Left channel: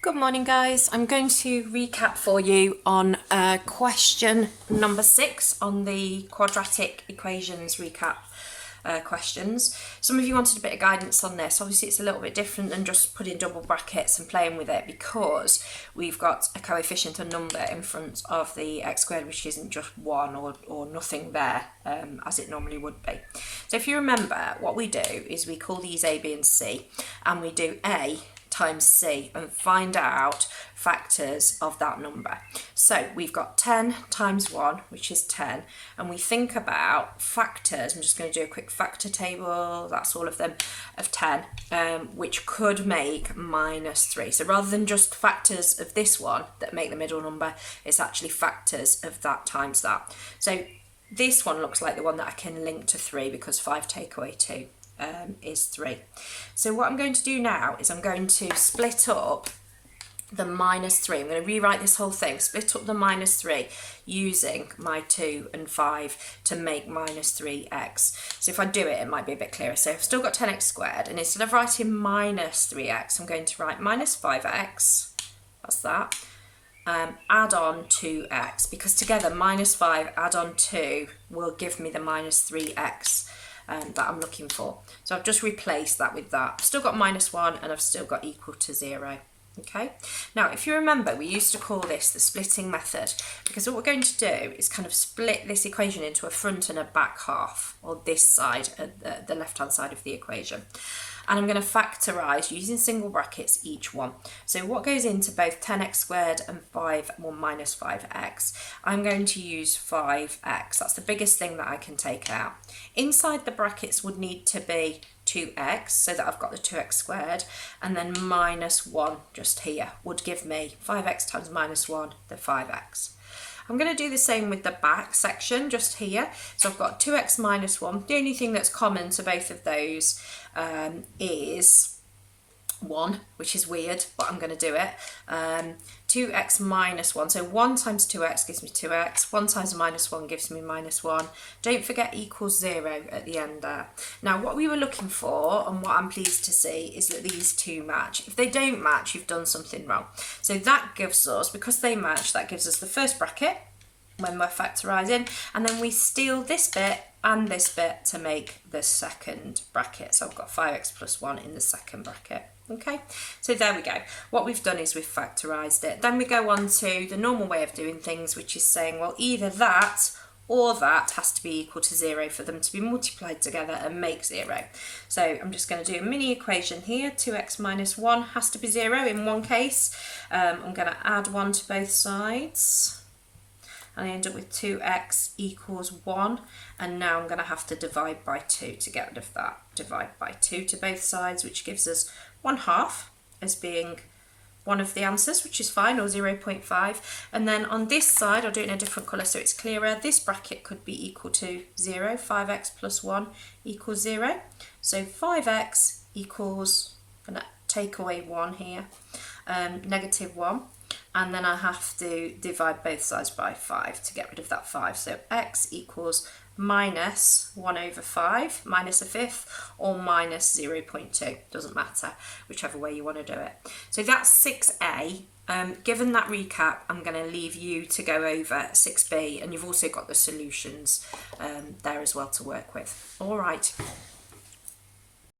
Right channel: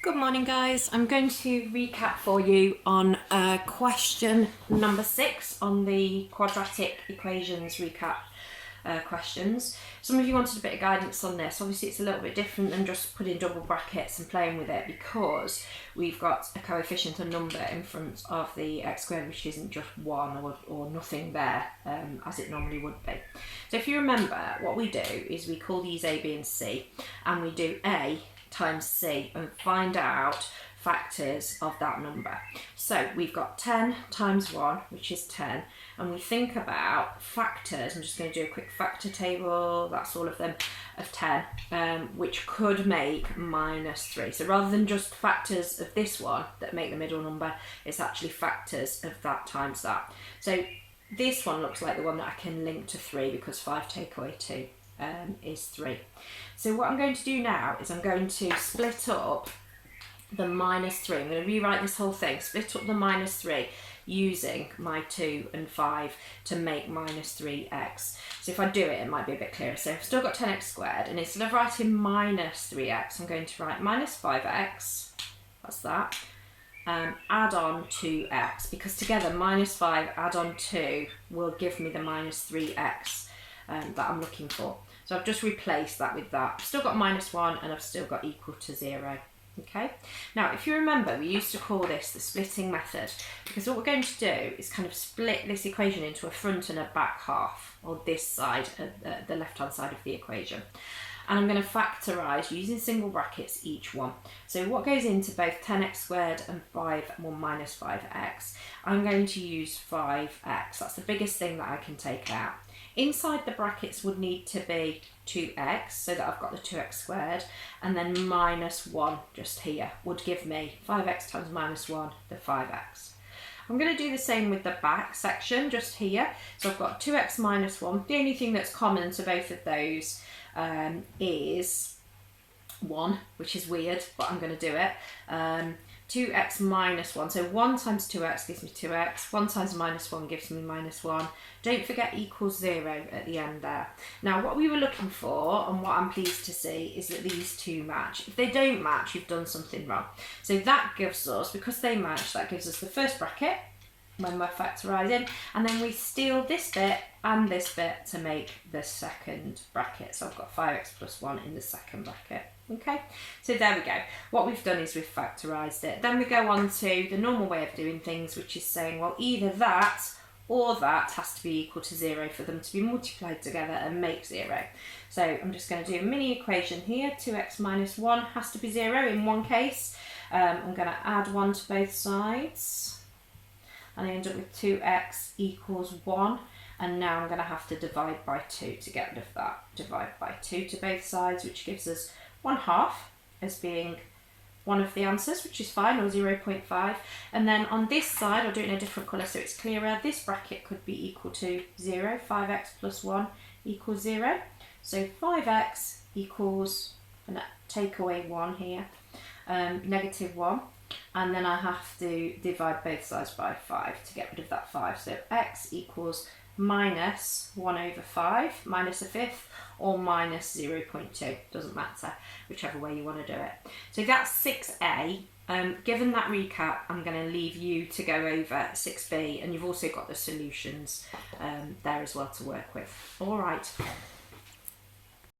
Good morning, guys. I'm going to recap for you on question number 6 on the quadratic equations recap questions. Some of you wanted a bit of guidance on this. Obviously, it's a little bit different than just putting double brackets and playing with it because we've got a coefficient, a number in front of the x squared, which isn't just 1 or nothing there as it normally would be. So if you remember, what we do is we call these A, B and C, and we do A times C and find out factors of that number. So we've got 10 times 1, which is 10, and we think about factors. I'm just going to do a quick factor table, that's all of them, of 10, which could make minus 3. So rather than just factors of this one that make the middle number, it's actually factors of that times that. So this one looks like the one that I can link to 3 because 5 take away 2 is 3. So what I'm going to do now is I'm going to split up the minus 3. I'm going to rewrite this whole thing, split up the minus 3 using my 2 and 5 to make minus 3x. So if I do it, it might be a bit clearer. So I've still got 10x squared, and instead of writing minus 3x, I'm going to write minus 5x, that's that, add on 2x, because together minus 5 add on 2 will give me the minus 3x that I'm looking for. So I've just replaced that with that. I've still got minus 1 and I've still got equal to 0. Okay, now if you remember, we used to call this the splitting method, because what we're going to do is kind of split this equation into a front and a back half, or this side, the left hand side of the equation. And I'm going to factorise using single brackets each one. So what goes into both 10x squared and minus 5x, I'm going to use 5x. That's the biggest thing that I can take out. Inside the brackets would need to be 2x, so that I've got the 2x squared, and then minus 1 just here would give me 5x times minus 1, the 5x. I'm going to do the same with the back section just here. So I've got 2x minus 1. The only thing that's common to both of those is 1, which is weird, but I'm going to do it. 2x minus 1, so 1 times 2x gives me 2x, 1 times minus 1 gives me minus 1. Don't forget equals 0 at the end there. Now what we were looking for, and what I'm pleased to see, is that these two match. If they don't match, you've done something wrong. So that gives us, because they match, that gives us the first bracket when we're factorising, and then we steal this bit and this bit to make the second bracket. So I've got 5x plus 1 in the second bracket. Okay, so there we go. What we've done is we've factorised it. Then we go on to the normal way of doing things, which is saying, well, either that or that has to be equal to 0 for them to be multiplied together and make 0. So I'm just going to do a mini equation here. 2x minus 1 has to be 0 in one case. I'm going to add 1 to both sides, and I end up with 2x equals 1, and now I'm going to have to divide by 2 to get rid of that. Divide by 2 to both sides, which gives us 1/2 as being one of the answers, which is fine, or 0.5. And then on this side, I'll do it in a different colour so it's clearer, this bracket could be equal to 0. 5x plus 1 equals 0. So 5x equals, I'm going to take away 1 here, negative 1. And then I have to divide both sides by 5 to get rid of that 5. So x equals minus 1 over 5, minus a fifth, or minus 0.2. Doesn't matter, whichever way you want to do it. So that's 6a. Given that recap, I'm going to leave you to go over 6b, and you've also got the solutions there as well to work with. All right.